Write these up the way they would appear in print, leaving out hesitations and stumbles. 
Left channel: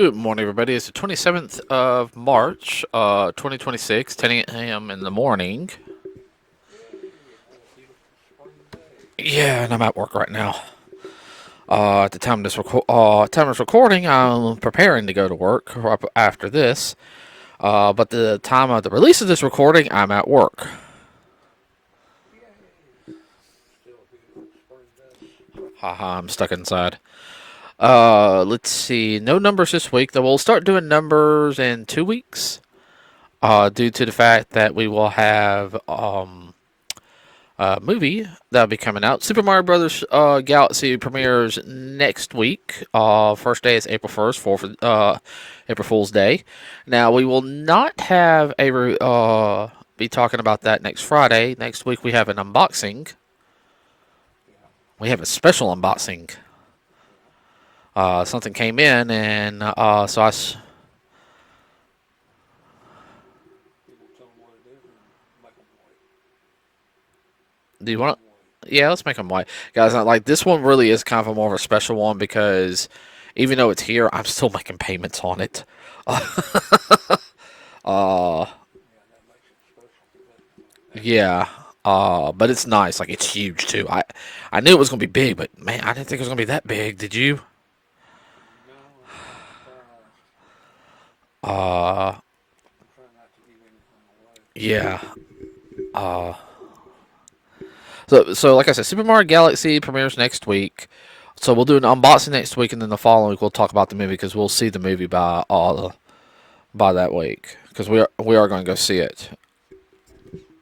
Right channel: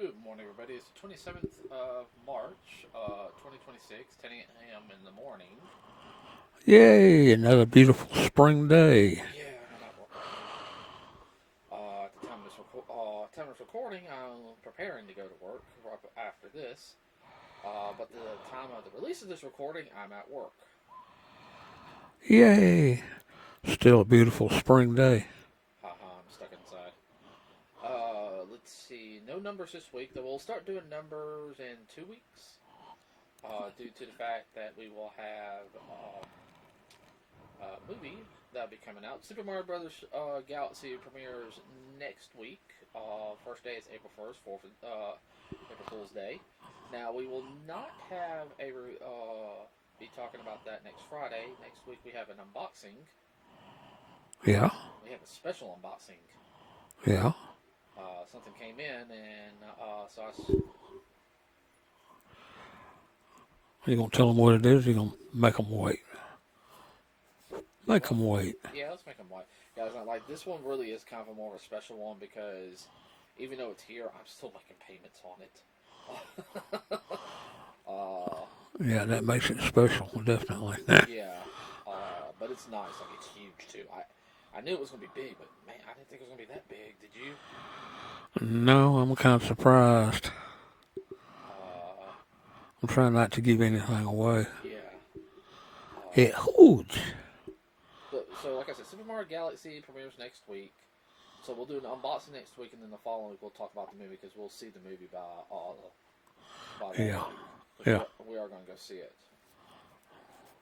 Good morning, everybody. It's the 27th of March, 2026, 10 a.m. in the morning. Yay, another beautiful spring day. Yeah, and I'm at work right now. At the time of this recording, I'm preparing to go to work after this. But the time of the release of this recording, I'm at work. Yay, still a beautiful spring day. Haha, I'm stuck inside. Let's see. No numbers this week, though we'll start doing numbers in 2 weeks. Due to the fact that we will have movie that'll be coming out. Super Mario Brothers Galaxy premieres next week. First day is April 1st, April Fool's Day. Now we will not have be talking about that next Friday. Next week we have an unboxing. Yeah, We have a special unboxing. yeah. Something came in, and so You gonna tell them what it is? You gonna make them wait? do you Make want? them wait. Yeah, let's make them white, guys. Like this one really is kind of a more of a special one because even though it's here, I'm still making payments on it. uh, Yeah, that makes it special, definitely. yeah. But it's nice. Like it's huge too. I knew it was gonna be big, but man, I didn't think it was gonna be that big. Did you? No, I'm kind of surprised. Uh, I'm trying not to give anything away. yeah. Yeah, huge. So like I said, Super Mario Galaxy premieres next week. So we'll do an unboxing next week, and then the following week we'll talk about the movie because we'll see the movie by that Yeah, week because yeah. we are going to go see it.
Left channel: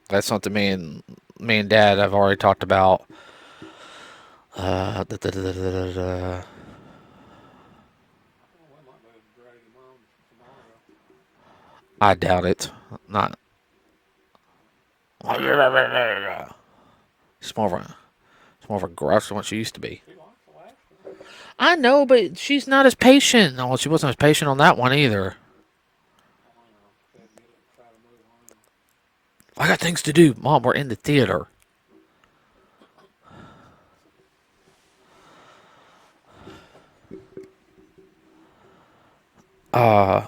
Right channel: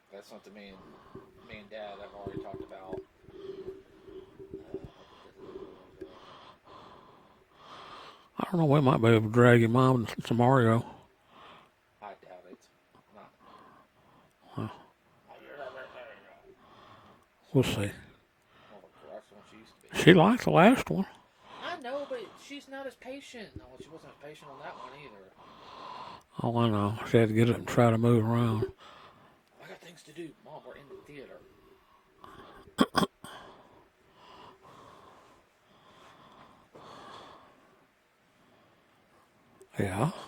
That's something me and Dad have already talked about. Da, da, da, da, da, da. I don't know. We might be able to drag your mom to Mario. I doubt it. Not. Well, It's we'll more of a see. it's more of a grouch than what she used to be. She liked the last one. I know, but she's not as patient. No, she wasn't as patient on that one either. Oh, I know. She had to get up and try to move around. I got things to do, Mom. We're in the theater. Uh,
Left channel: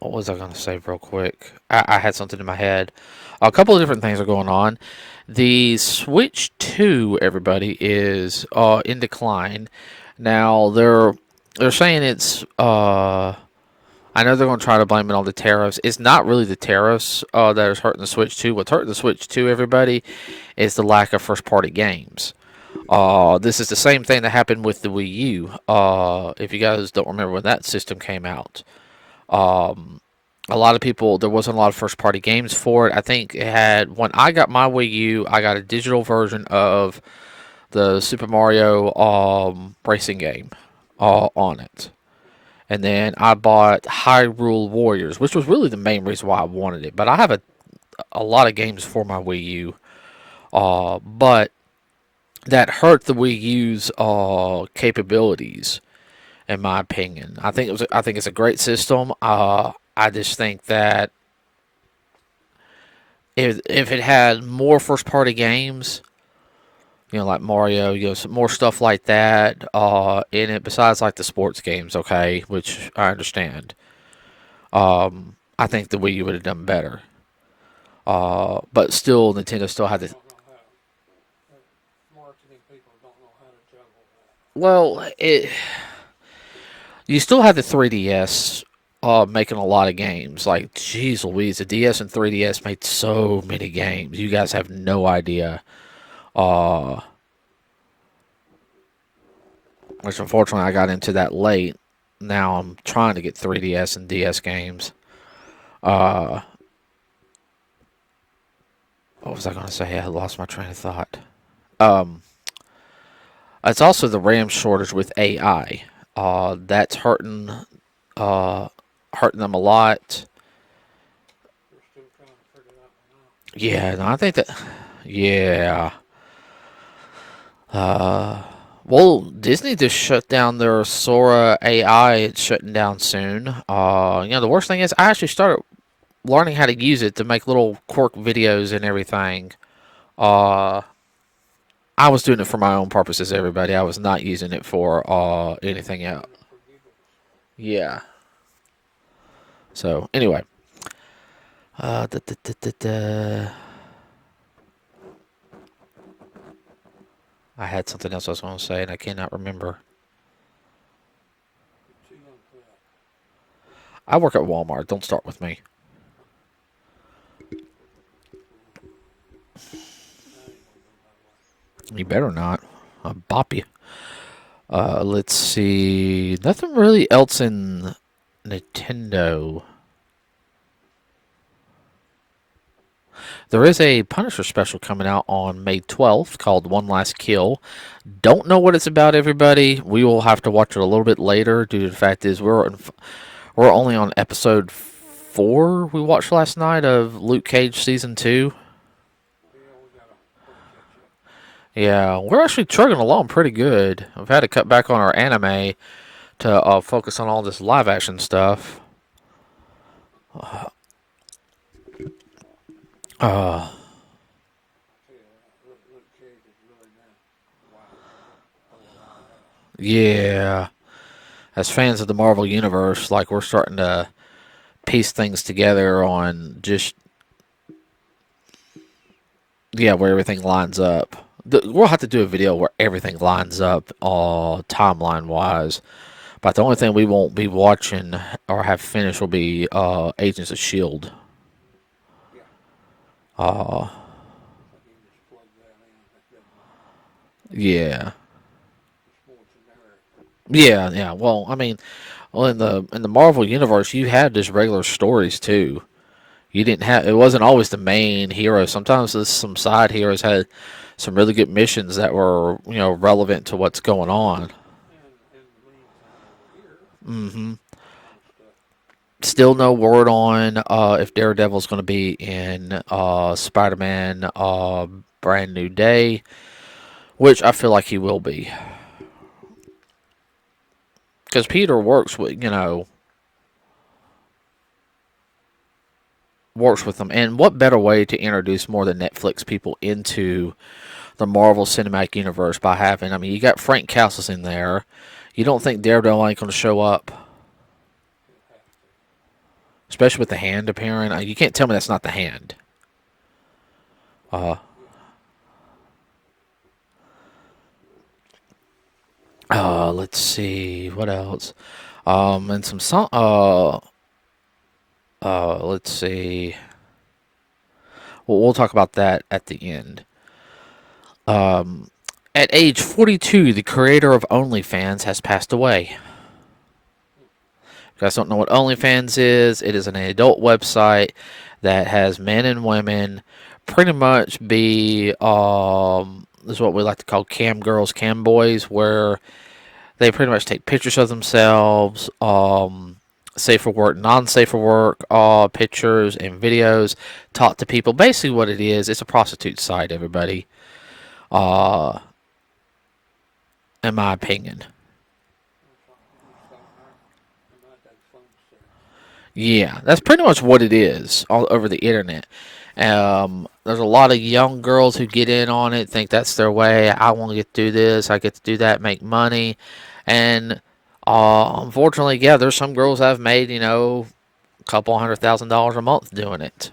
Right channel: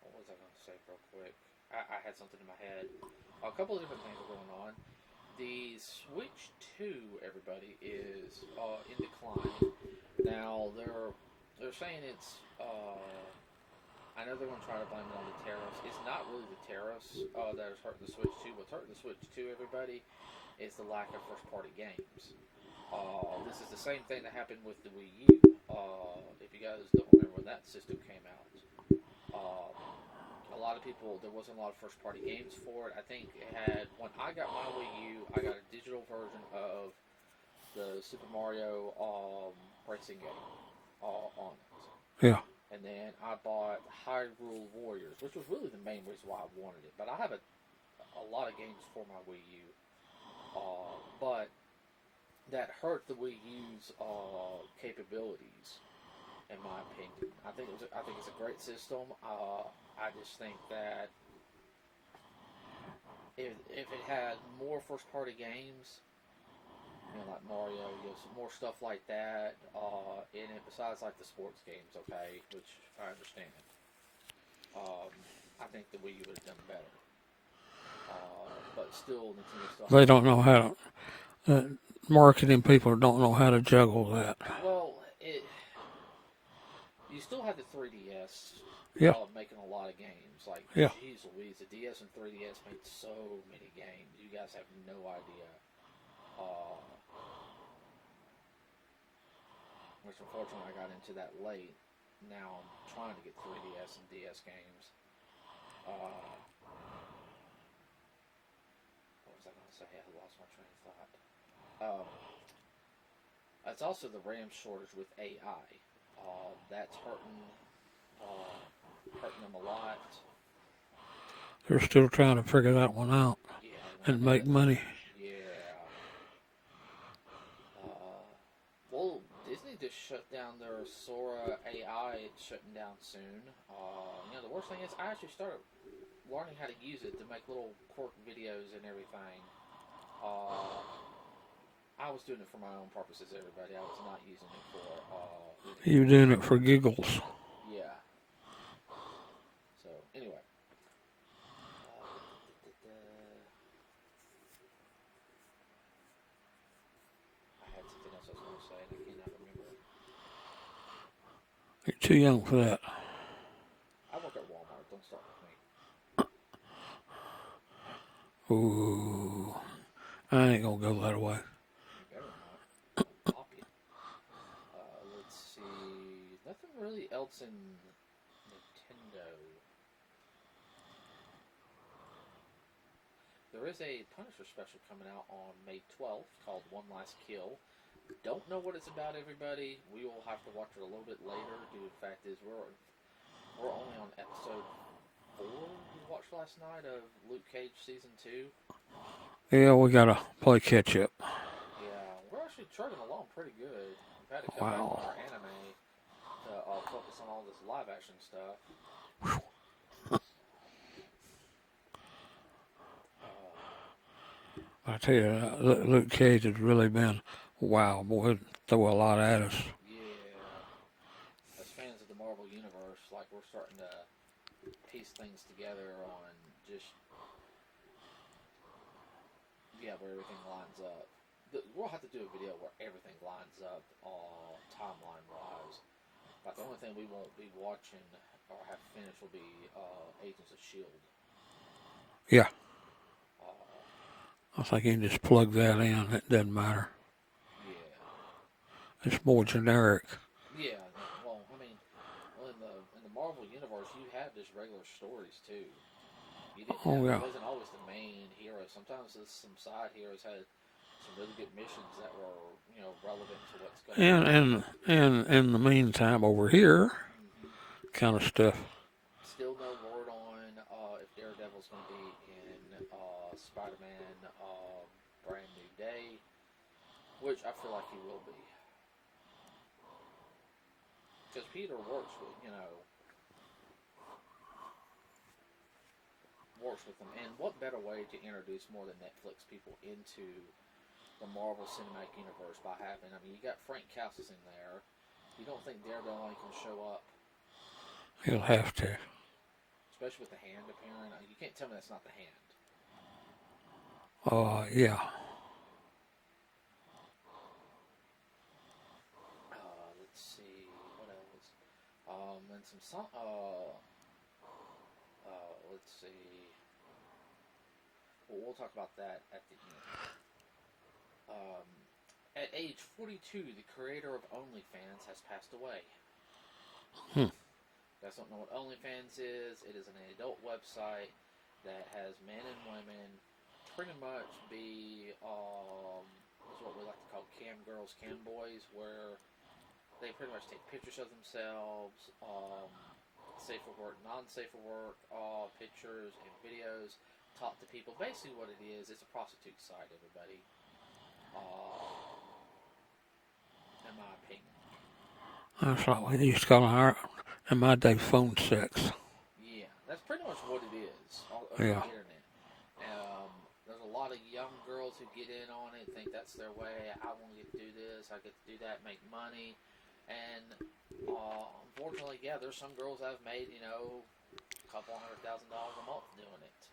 what was I going to say real quick? I had something in my head. A couple of different things are going on. The Switch 2, everybody, is in decline. Now they're saying it's I know they're going to try to blame it on the tariffs. It's not really the tariffs that is hurting the Switch 2. What's hurting the Switch 2, everybody, is the lack of first party games. This is the same thing that happened with the Wii U. If you guys don't remember when that system came out, a lot of people, there wasn't a lot of first party games for it. I think it had, when I got my Wii U, I got a digital version of the Super Mario racing game on it. Yeah. And then I bought Hyrule Warriors, which was really the main reason why I wanted it. But I have a lot of games for my Wii U. But that hurt the Wii U's capabilities, in my opinion. I think it's a great system. I just think that if it had more first party games, like Mario, some more stuff like that in it, besides like the sports games, okay, which I understand. I think the Wii U would have done better. But still, Nintendo still had They the. don't know how to. Marketing people don't know how to juggle that. Well, you still have the 3DS Yep. making a lot of games. Like, Yeah. jeez Louise, the DS and 3DS made so many games. You guys have no idea. Uh, which unfortunately I got into that late. Now I'm trying to get 3DS and DS games. Uh, what was I going to say? I lost my train of thought. Um, it's also the RAM shortage with AI. That's uh, hurting them a lot. They're still trying to figure that one out Yeah, no, I and think make that. money. Yeah. Well, Disney just shut down their Sora AI. It's shutting down soon. The worst thing is I actually started learning how to use it to make little quirk videos and everything. Uh, I was doing it for my own purposes, everybody. I was not using it for anything You're else. doing it for giggles. Yeah. So anyway, da, da, da, da, da. I had something else I was going to say, and I cannot remember. You're too young for that. I work at Walmart. Don't start with me. Ooh, I ain't gonna go that way. You better not. I'll bop you. Let's see. Nothing really else in Nintendo. There is a Punisher special coming out on May 12th called One Last Kill. Don't know what it's about, everybody. We will have to watch it a little bit later due to the fact is we're only on episode 4 we watched last night of Luke Cage season 2. Yeah, we gotta play catch up. Yeah, we're actually chugging along pretty good. I've had to cut back on our anime to focus on all this live action stuff. Uh, I tell you, Luke Cage has really been wow, boy. It throw a lot at us. yeah. As fans of the Marvel Universe, like we're starting to piece things together on just where everything lines up. We'll have to do a video where everything lines up, timeline wise. But the only thing we won't be watching or have finished will be Agents of Shield. Yeah, Uh, I think you can just plug that in. It doesn't matter. yeah, It's more generic. yeah. Well, I mean, in the Marvel universe, you had just regular stories too. You didn't Oh have it yeah, wasn't always the main hero. Sometimes some side heroes had some really good missions that were relevant to what's going and on. in the meantime, over here, Hmm. kind of stuff. Still no word on if Daredevil's going to be in Spider-Man Brand New Day, which I feel like he will be. Because Peter works with them, and what better way to introduce more than Netflix people into the Marvel Cinematic Universe by having? I mean, you got Frank Castle's in there. You don't think Daredevil ain't going to show up, He'll have to. especially with the Hand appearing. You can't tell me that's not the Hand. Yeah. Let's see what else. And some song. Let's see. Well, we'll talk about that at the end. Um, at age 42, the creator of Onlyfans has passed away. Hmm. If you guys don't know what Onlyfans is, it is an adult website that has men and women pretty much be this is what we like to call cam girls, cam boys, where they pretty much take pictures of themselves, safe for work, non-safe for work, pictures and videos, talk to people. Basically, what it is, it's a prostitute site. Everybody, uh, in my opinion. That's like we used to call our in my day phone sex. Yeah, that's pretty much what it is all over the Yeah. internet. There's a lot of young girls who get in on it, think that's their way. I want to get to do this, I get to do that, make money, and unfortunately, yeah, there's some girls that have made a couple $100,000 a month doing it.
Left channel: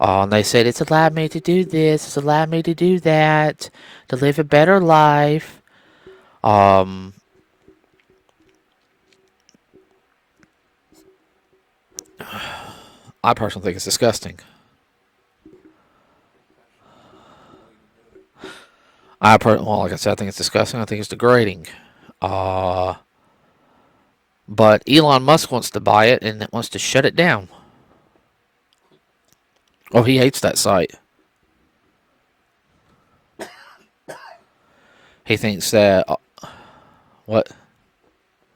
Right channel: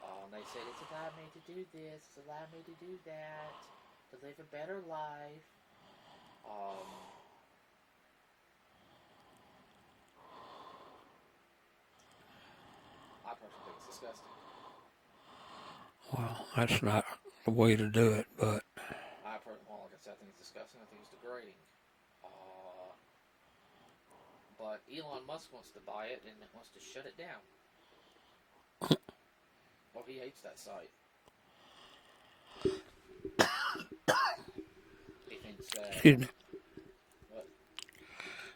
And they said it's allowed me to do this, it's allowed me to do that, to live a better life. Um, I personally think it's disgusting. Well, that's not the way to do it, but Well, like I said, I think it's disgusting. I think it's degrading. Uh, but Elon Musk wants to buy it and wants to shut it down. Oh, he hates that site. He thinks that excuse me. what?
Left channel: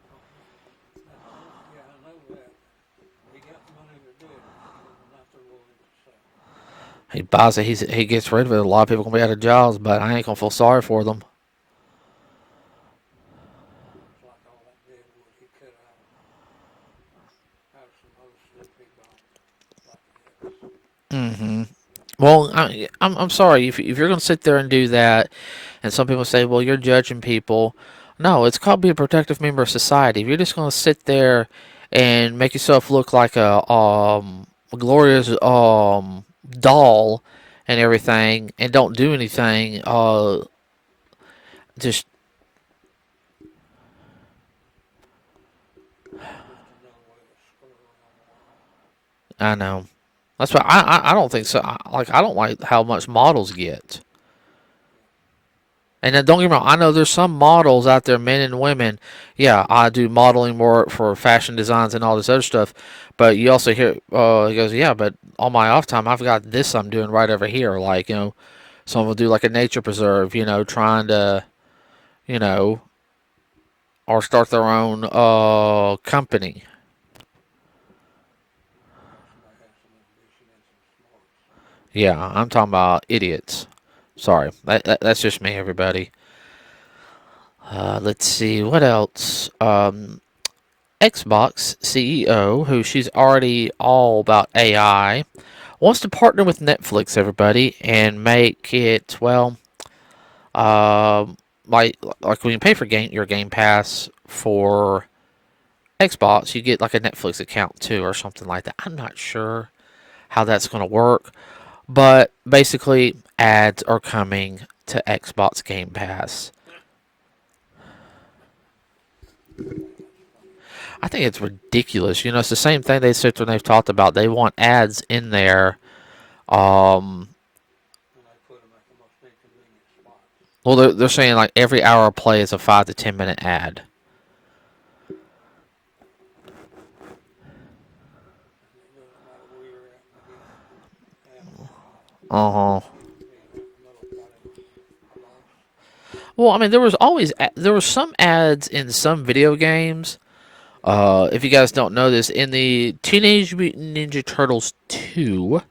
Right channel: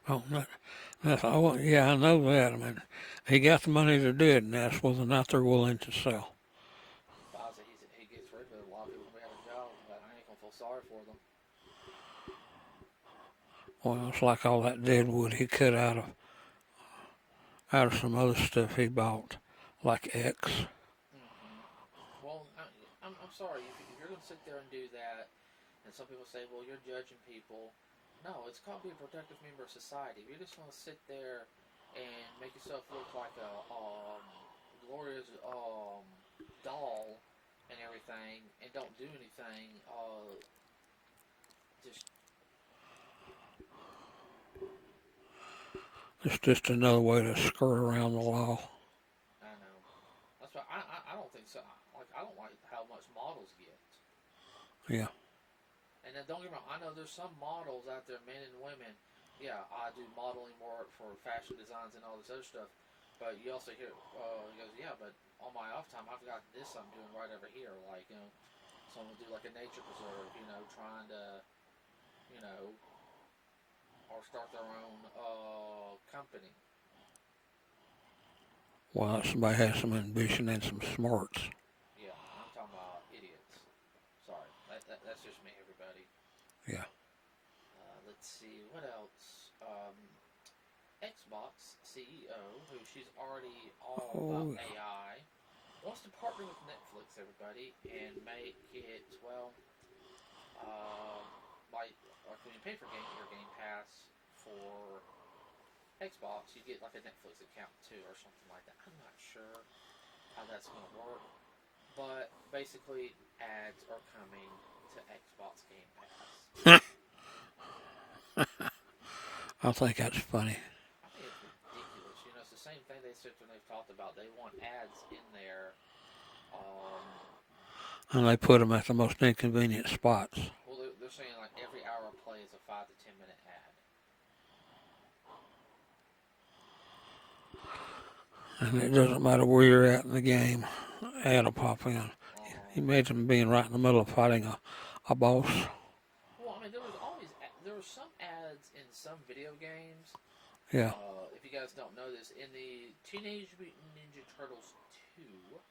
Oh, yeah, I know that. I mean, he got the money to do it, and that's whether or not they're willing to sell. He buys it. He gets rid of it. A lot of people gonna be out of jobs, but I ain't gonna feel sorry for them. Well, it's like all that dead wood he cut out of some other stuff he bought, like X. Hmm. Well, I'm sorry if you're gonna sit there and do that, and some people say, well, you're judging people. No, it's called be a protective member of society. If you're just going to sit there and make yourself look like a glorious doll and everything, and don't do anything, just It's just another way to skirt around the law. I know. That's why I don't think so. I don't like how much models get. Yeah. And then don't get me wrong, I know there's some models out there, men and women. Yeah, I do modeling work for fashion designs and all this other stuff. But you also hear, he goes, yeah, but on my off time, I've got this I'm doing right over here. Like, someone will do like a nature preserve, trying to, you know, or start their own company. Well, somebody has some ambition and some smarts. Yeah, I'm talking about idiots. Sorry, that's just me, everybody. Yeah. Let's see, what else? Xbox CEO, who she's already all about AI, wants to partner with Netflix, everybody, and make it, well, like when you pay for your Game Pass for Xbox, you get like a Netflix account too, or something like that. I'm not sure how that's going to work, but basically, ads are coming to Xbox Game Pass. I think that's funny. I think it's ridiculous. It's the same thing they said when they've talked about. They want ads in there. Um, And they put them at the most inconvenient spots. well, they're saying like every hour of play is a 5 to 10 minute ad. And it doesn't matter where you're at in the game, ad will pop in. Uh huh. Imagine being right in the middle of fighting a boss. Well, I mean, there was some ads in some video games. Yeah. If you guys don't know this, in the Teenage Mutant Ninja Turtles 2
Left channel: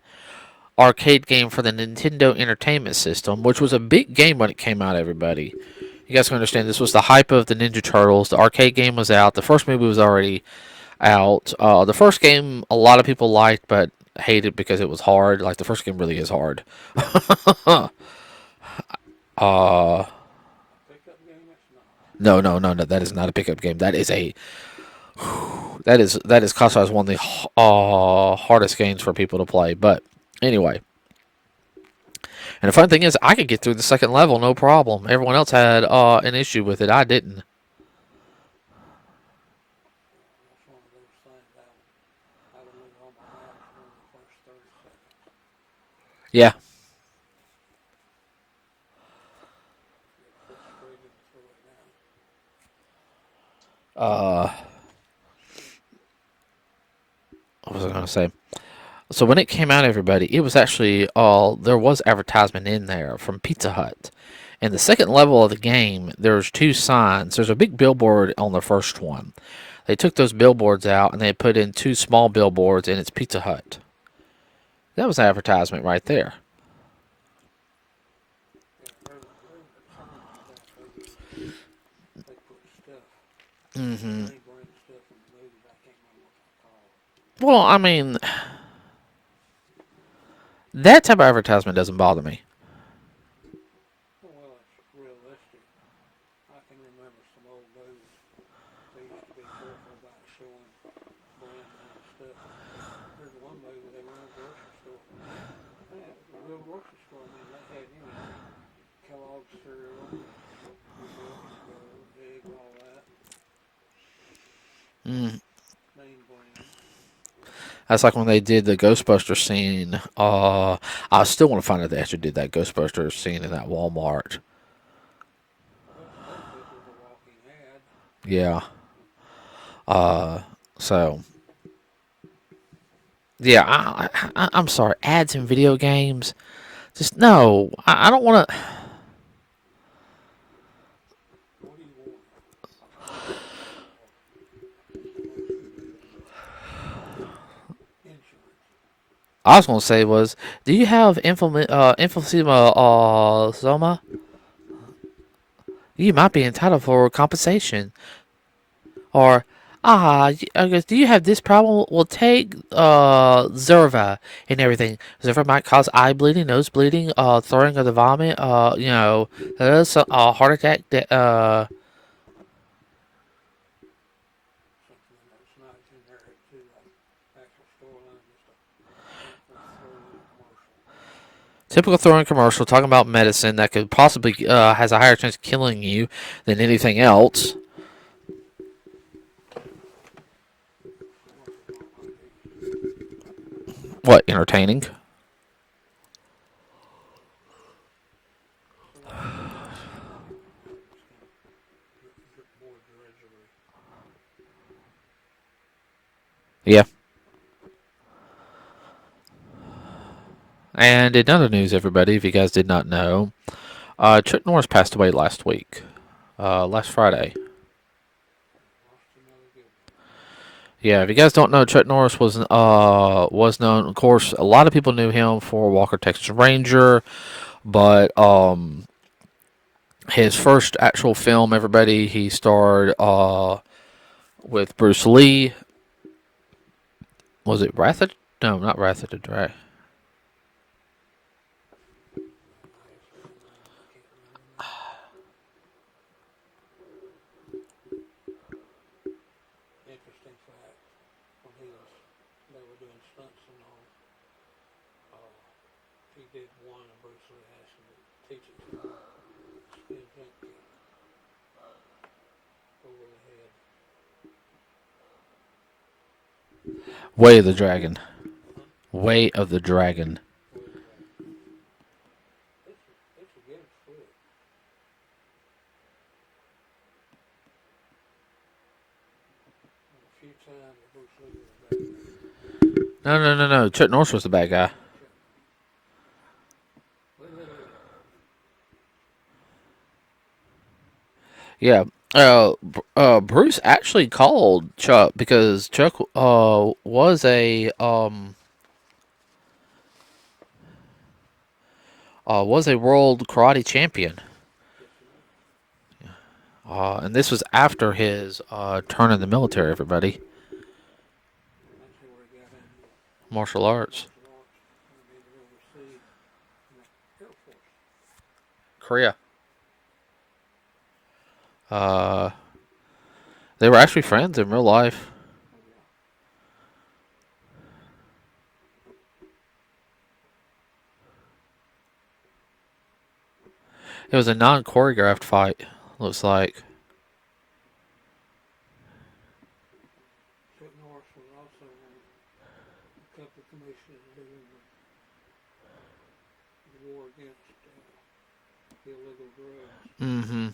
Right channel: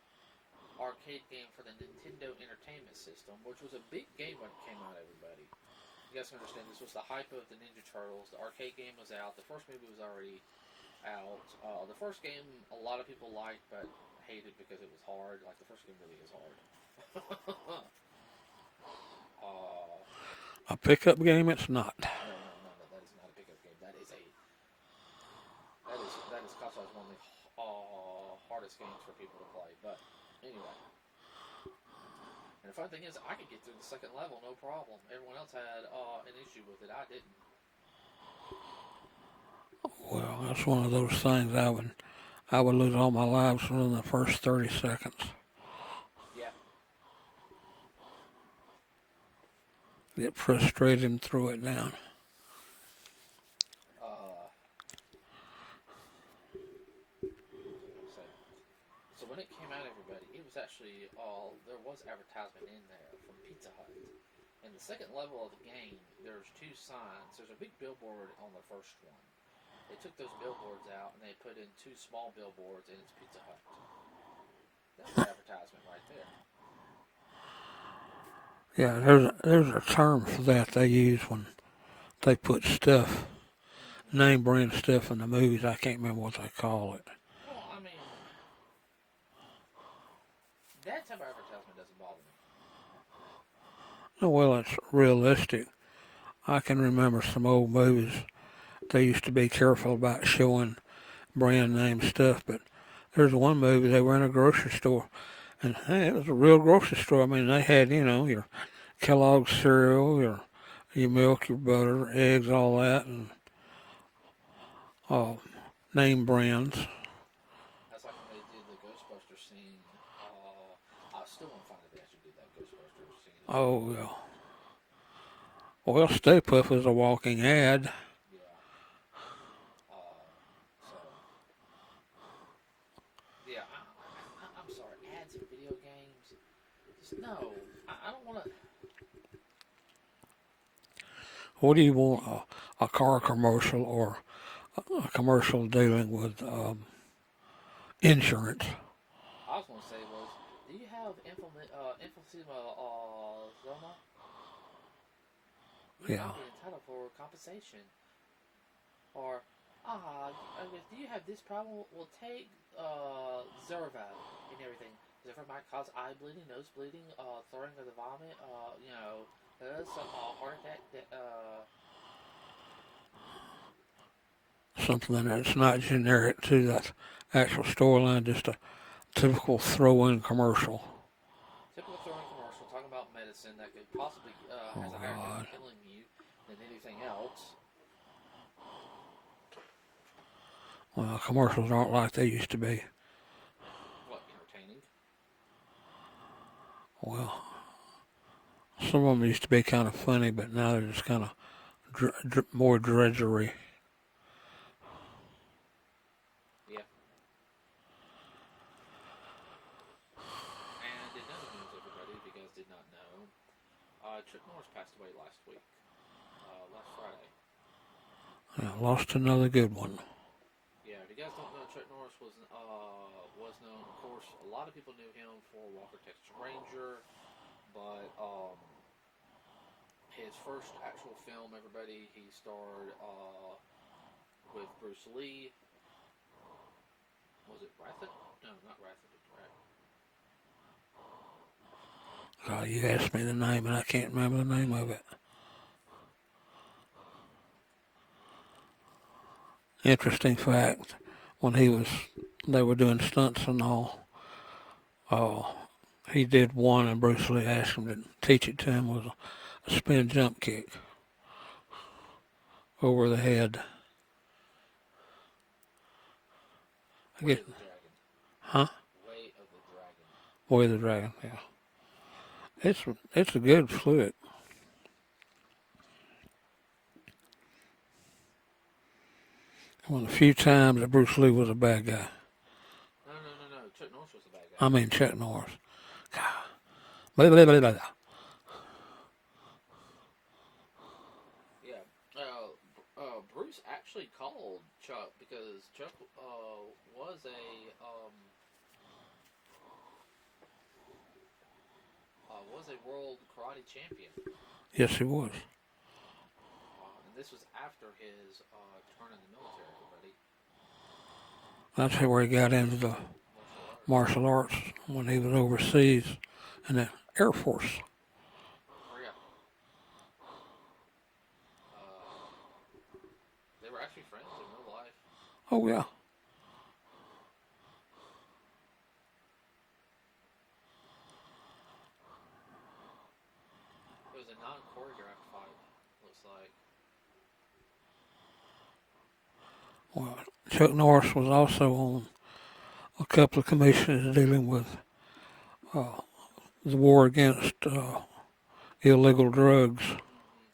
arcade game for the Nintendo Entertainment System, which was a big game when it came out, everybody. You guys can understand this was the hype of the Ninja Turtles. The arcade game was out. The first movie was already out. The first game a lot of people liked, but hated because it was hard. Like the first game really is hard. uh, A pickup game, it's not. no, no, no, no. That is not a pickup game. That is classified as one of the hardest games for people to play. But anyway, and the fun thing is, I could get through the second level no problem. Everyone else had an issue with it. I didn't. Well, that's one of those things I would lose all my lives within the first 30 seconds. Yeah. Get frustrated and throw it down. What was I going to say? So when it came out, everybody, it was actually there was advertisement in there from Pizza Hut. In the second level of the game, there's two signs. There's a big billboard on the first one. They took those billboards out and they put in two small billboards, and it's Pizza Hut. That was an advertisement right there. Yeah, there's a term for that they use when they put stuff, name brand stuff in the movies. I can't remember what they call it. Well, I mean, that type of advertisement doesn't bother me. Oh, well, it's realistic. I can remember some old movies. They used to be careful about showing brand name stuff, but there's one movie they were in a grocery store, and hey, it was a real grocery store. I mean, they had your Kellogg's cereal, your milk, your butter, eggs, all that, and name brands. That's like when they did the Ghostbusters scene. I still want to find out they actually did that Ghostbusters scene in that Walmart. Well, Stay Puft is a walking ad. Yeah. So. Yeah, I'm sorry. Ads in video games. Just, no. I don't want to. What do you want? A car commercial or a commercial dealing with insurance? I was going to say was, do you have emphysema soma? You might be entitled for compensation. Or, I guess, do you have this problem? Well, take Zerva and everything. Zerva might cause eye bleeding, nose bleeding, throwing of the vomit, heart attack, something that's not generic to that actual storyline, just a typical throw-in commercial. Typical throwing commercial talking about medicine that could possibly has a higher chance of God. killing you than anything else. Well, commercials aren't like they used to be. What, entertaining? Well, some of them used to be kind of funny, but now they're just kind of more drudgery. Yeah. And in other news, everybody, if you guys did not know, Chuck Norris passed away last week, last Friday. Yeah, lost another good one. Yeah, if you guys don't know, Chuck Norris was known. Of course, a lot of people knew him for Walker Texas Ranger, but his first actual film, everybody, he starred with Bruce Lee. Was it Wrath of? No, not Wrath of the Dragon. God, you asked me the name and I can't remember the name of it. Interesting fact: when they were doing stunts and all. Oh, he did one, and Bruce Lee asked him to teach it to him was a spin jump kick over the head. Way of the Dragon. Huh? Way of the Dragon. Boy of the Dragon. Yeah, it's a good fluid. One of the few times that Bruce Lee was a bad guy. No. Chuck Norris was the bad I guy. mean Chuck Norris. Blah, blah, blah, blah. Yeah. Bruce actually called Chuck because Chuck was a world karate champion. Yes, he was. And this was after his turn in the military. Everybody, That's where he got into the martial arts, martial arts when he was overseas in the Air Force. Korea. Uh, they were actually friends in real life. Oh yeah. It was a non-choreographed fight. Looks like. Well, Chuck Norris was also on a couple of commissions dealing with uh, the war against illegal drugs. Mm-hmm.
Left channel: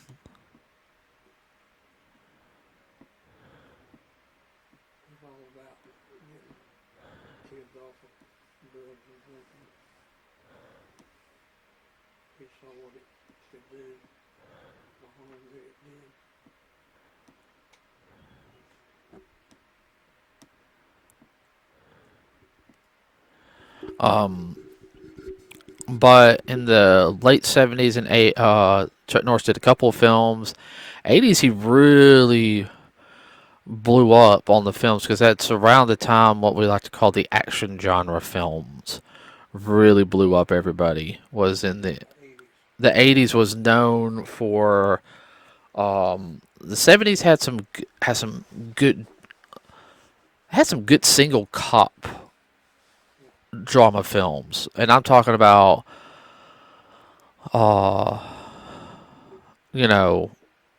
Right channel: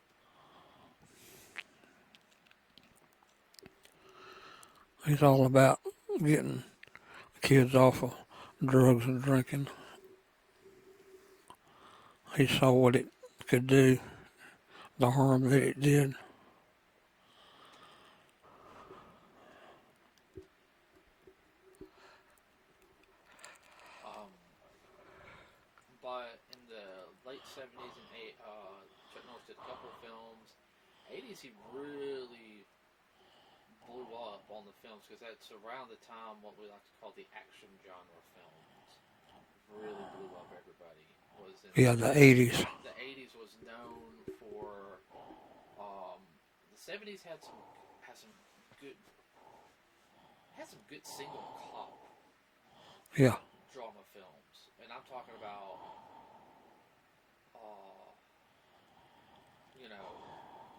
He's all about getting kids off of drugs and drinking. He saw what it could do, the harm that it did. But in the late 70s and Chuck Norris did a couple of films. 80s, he really blew up on the films because that's around the time what we like to call the action genre films really blew up. Everybody was in Yeah, the 80s. the 80s was known for the 70s good had some good single cop Yeah, drama films, and I'm talking about uh you know,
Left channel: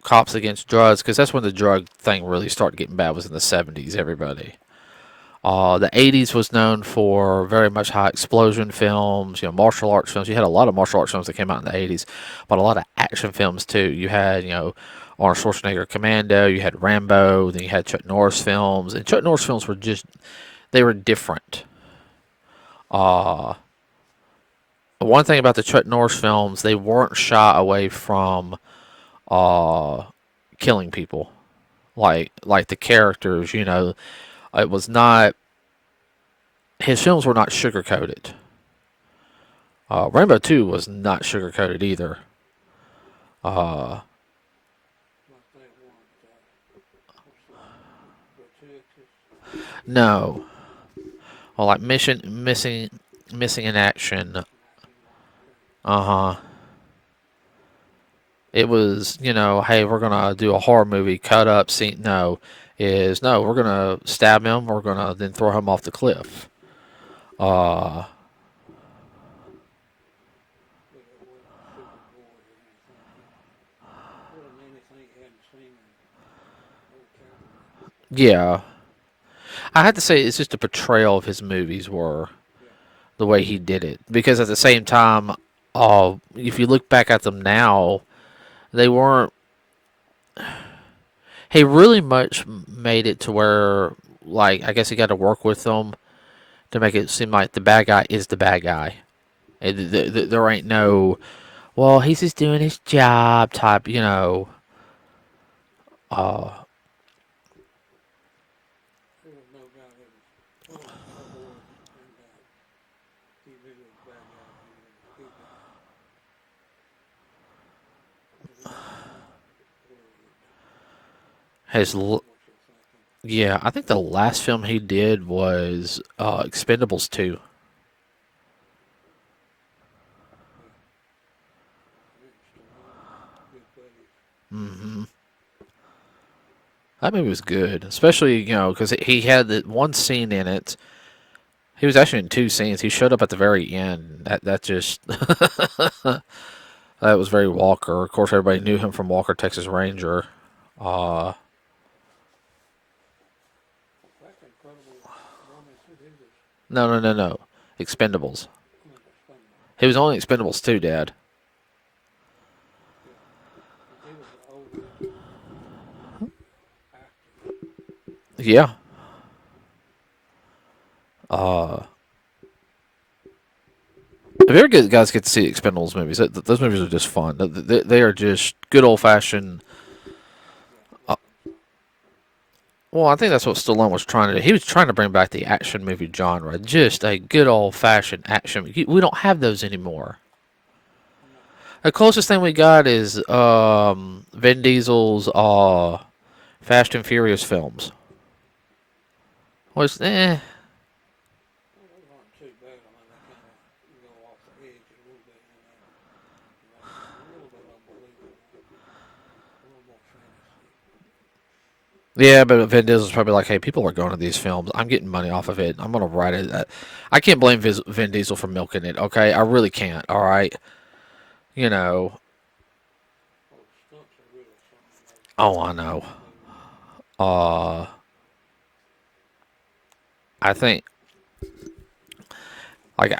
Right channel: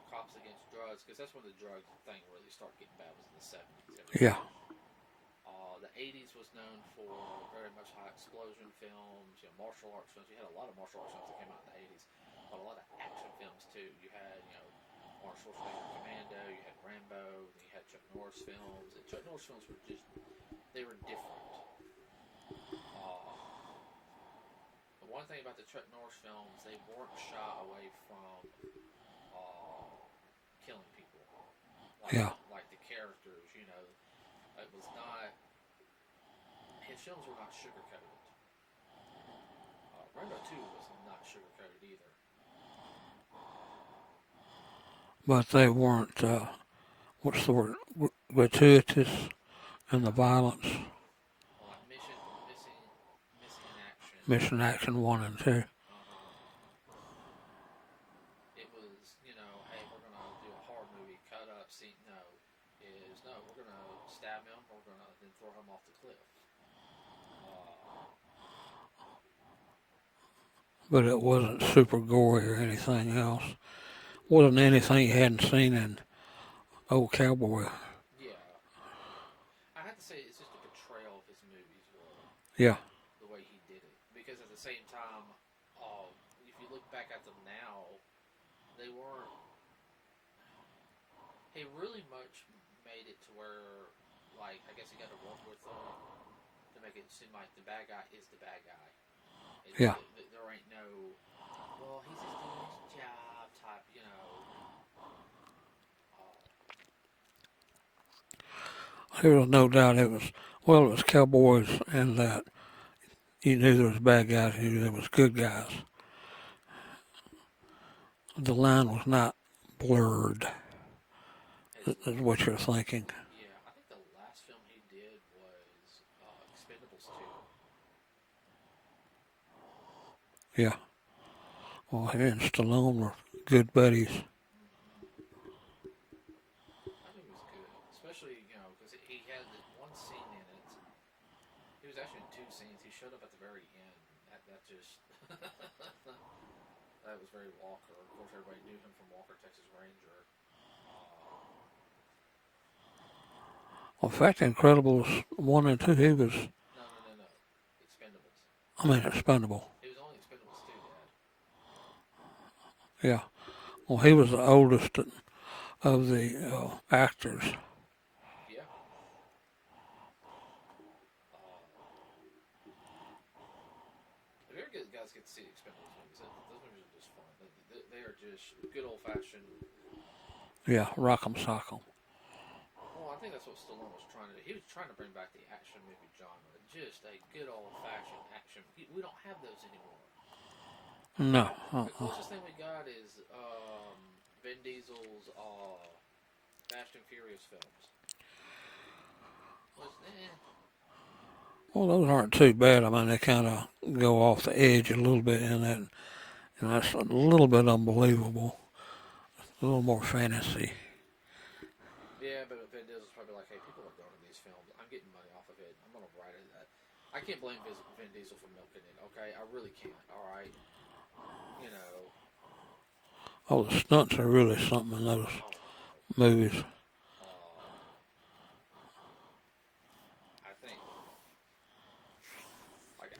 cops against drugs, because that's when the drug thing really started getting bad, was in the 70s, yeah. everybody. The 80s was known for very much high explosion films, martial arts films. You had a lot of martial arts films that came out in the 80s, but a lot of action films too. You had, Arnold Schwarzenegger Commando, you had Rambo, then you had Chuck Norris films. And Chuck Norris films were they were different. Uh, One thing about the Chuck Norris films, they weren't shy away from uh, killing people. Yeah. Like the characters, it was not, his films were not sugar coated. Rainbow 2 was not sugar coated either. Uh, But they weren't, what's the word, gratuitous no, violence. well, like missing in action. Mission Action 1 and 2. Uh huh. It was, hey, we're gonna do a horror movie, cut up scene. No, is no, we're gonna stab him. We're gonna then throw him off the cliff. Uh, But it wasn't super gory or anything else. Wasn't anything you hadn't seen in Old Cowboy. yeah, I had to say it's just a portrayal of his movies were Yeah, the way he did it. Because at the same time, if you look back at them now, they weren't. He really much made it to where, like, I guess he got to work with them to make it seem like the bad guy is the bad guy. yeah. There ain't no, well, he's just doing his job type, Uh, There was no doubt it was, well, it was cowboys and that you knew there was bad guys, you knew there was good guys. The line was not blurred, his, is what you're thinking. yeah, I think the last film he did was Expendables 2. Yeah. Well, he and Stallone were good buddies. Hmm. That movie was good, especially because he had the one scene in it. He was actually in two scenes. He showed up at the very end. That just that was very Walker. Of course, everybody knew him from Walker, Texas Ranger. Uh, In fact, Incredibles 1 and 2, he was, no, no, no, no. Expendables. I mean, expendable. He was only Expendables 2, Dad. Yeah. Well, he was the oldest of the actors. Yeah. Uh, if you ever guys get to see Expendables movies, those movies are just fun. They are just good old fashioned. Yeah, Rock'em Sock'em. Well, I think that's what Stallone was trying to do. He was trying to bring back the action movie genre, just a good old fashioned action. We don't have those anymore. No. The closest thing we got is Vin Diesel's Fast and Furious films. Was Well, those aren't too bad. I mean, they kind of go off the edge a little bit in that, and that's a little bit unbelievable. A little more fantasy. yeah, but Vin Diesel's probably like, hey, people are going to these films. I'm getting money off of it. I'm gonna write it. I can't blame Vin Diesel for milking it. Okay, I really can't. All right, you know. Oh, the stunts are really something in those Oh, I know. movies. Uh, I think like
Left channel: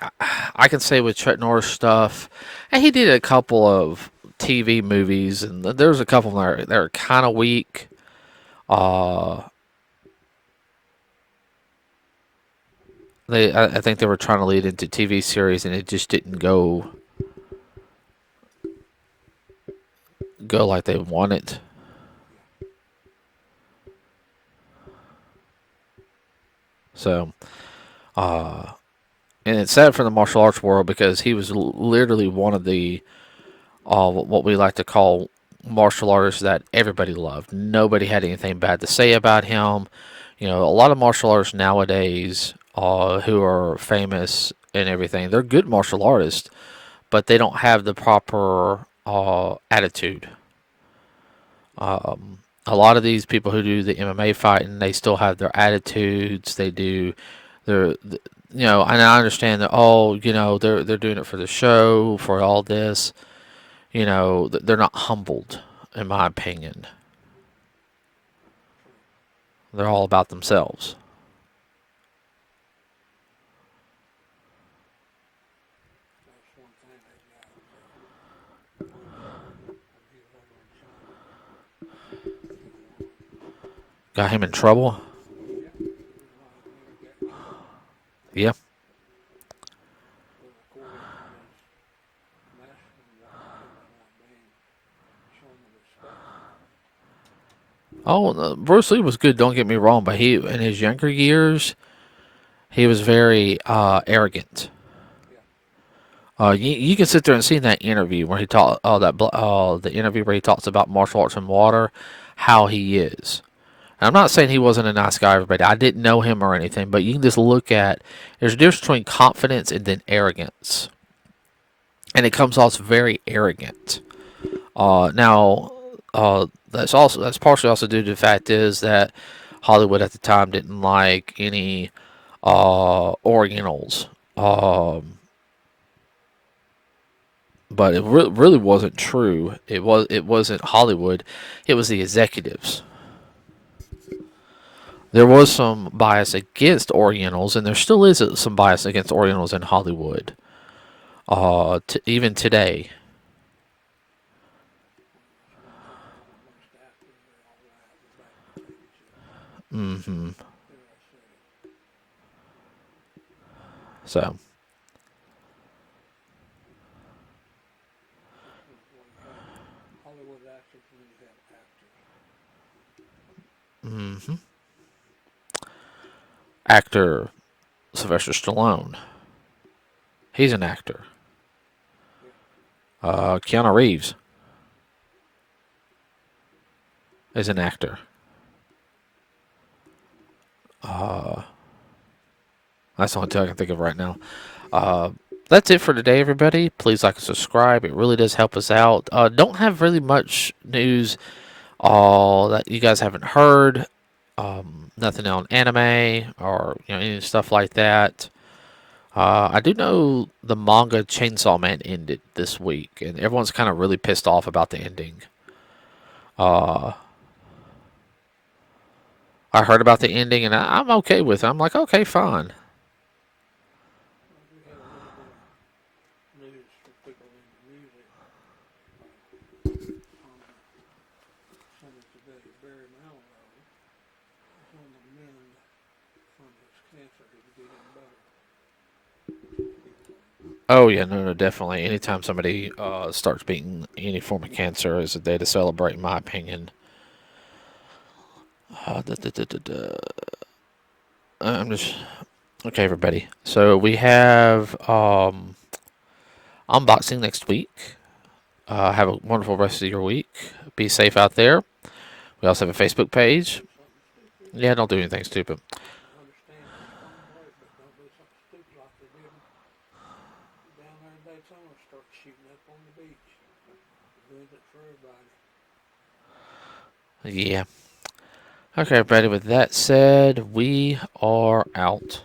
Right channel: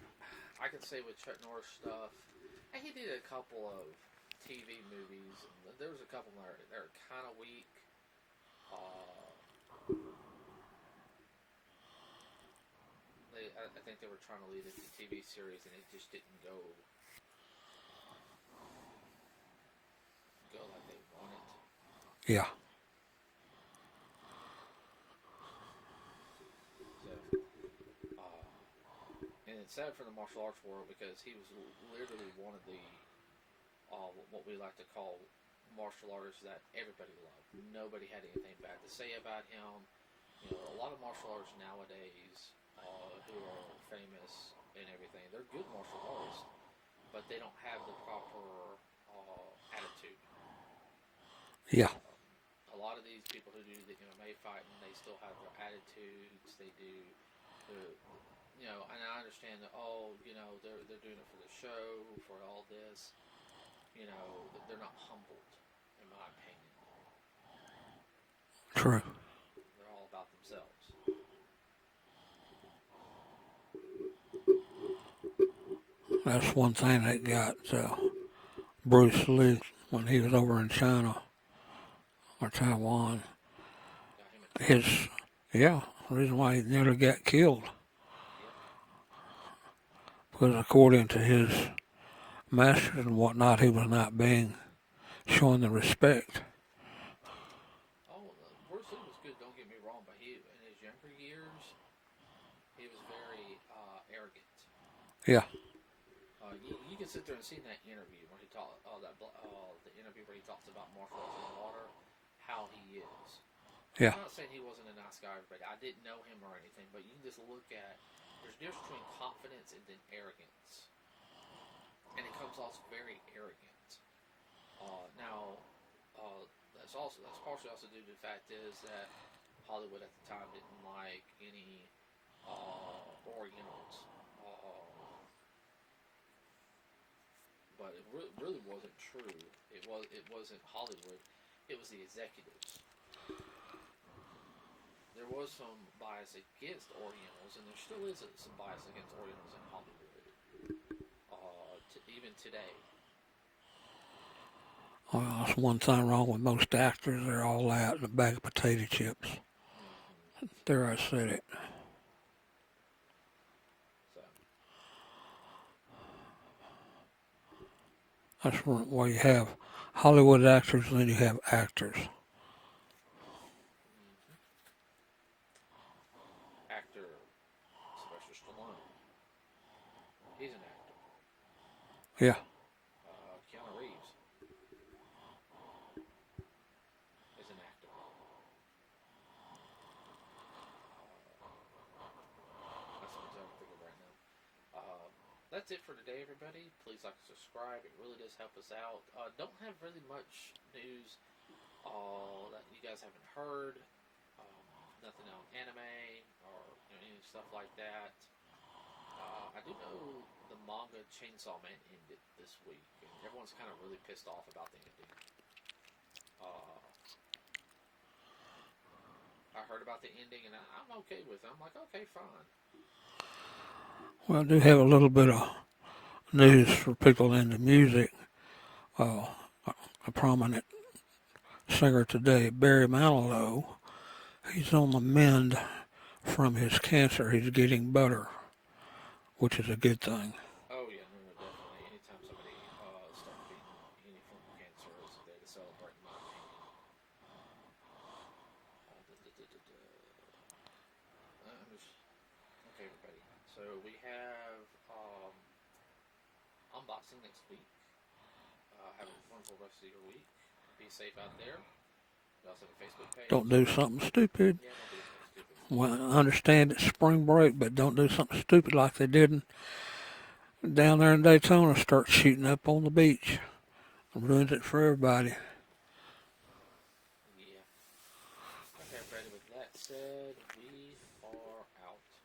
I can say with Chuck Norris stuff, and he did a couple of TV movies, and there's a couple that are kind of weak. Uh, I think they were trying to lead into TV series, and it just didn't go like they wanted. Yeah. So, uh, and it's sad for the martial arts world because he was literally one of the what we like to call martial artists that everybody loved. Nobody had anything bad to say about him. A lot of martial artists nowadays who are famous and everything, they're good martial artists, but they don't have the proper attitude. Yeah. A lot of these people who do the MMA fighting, they still have their attitudes. They do their, and I understand that. Oh, they're doing it for the show, for all this. They're not humbled, in my opinion. True. They're all about themselves. That's one thing that got Bruce Lee when he was over in China or Taiwan. Got him in His, trouble. yeah, the reason why he nearly got killed. Yeah. Because according to his masters and whatnot, he was not being shown the respect. Oh, Bruce Lee was good. Don't get me wrong, but he in his younger years, he was very arrogant. Yeah. You can sit there and see in that interview where he talked, the interview where he talks about martial arts and water, how he is. And Yeah. I'm not saying he wasn't a nice guy, everybody. I didn't know him or anything, but you can just look at there's a difference between confidence and then arrogance, and it comes off very arrogant. Now, that's partially also due to the fact is that Hollywood at the time didn't like any Orientals. Um, but it really wasn't true. It wasn't Hollywood. It was the executives. There was some bias against Orientals, and there still is some bias against Orientals in Hollywood. Even today. Well, that's one thing wrong with most actors. They're all out in a bag of potato chips. Hmm. There, I said it. So, That's why you have Hollywood actors and then you have actors. hmm actor Sylvester Stallone. He's an actor. Yeah. Keanu Reeves is an actor. Uh, that's the only two I can think of right now. Uh, that's it for today, everybody. Please like and subscribe. It really does help us out. Don't have really much news that you guys haven't heard. Nothing on anime or any stuff like that. I do know the manga Chainsaw Man ended this week, and everyone's kind of really pissed off about the ending. Uh, I heard about the ending, and I'm okay with it. I'm like, okay, fine. Well, I do have a little bit of news for people into music. Uh, a prominent singer today, Barry Manilow, he's on the mend from his cancer. He's getting better, which is a good thing. Oh yeah, no, no, definitely. Anytime somebody starts beating any form of cancer is a day to celebrate, in my opinion. Da, da, da, da, da. I'm just okay, everybody. So we have unboxing next week. Have a wonderful rest of your week. Be safe out there. We also have a Facebook Don't page. do something stupid. Yeah, don't do anything stupid. Well, I understand it's spring break, but don't do something stupid like they did down there in Daytona. Start shooting up on the beach. Ruins it for everybody. Yeah. Okay, everybody. With that said, we are out.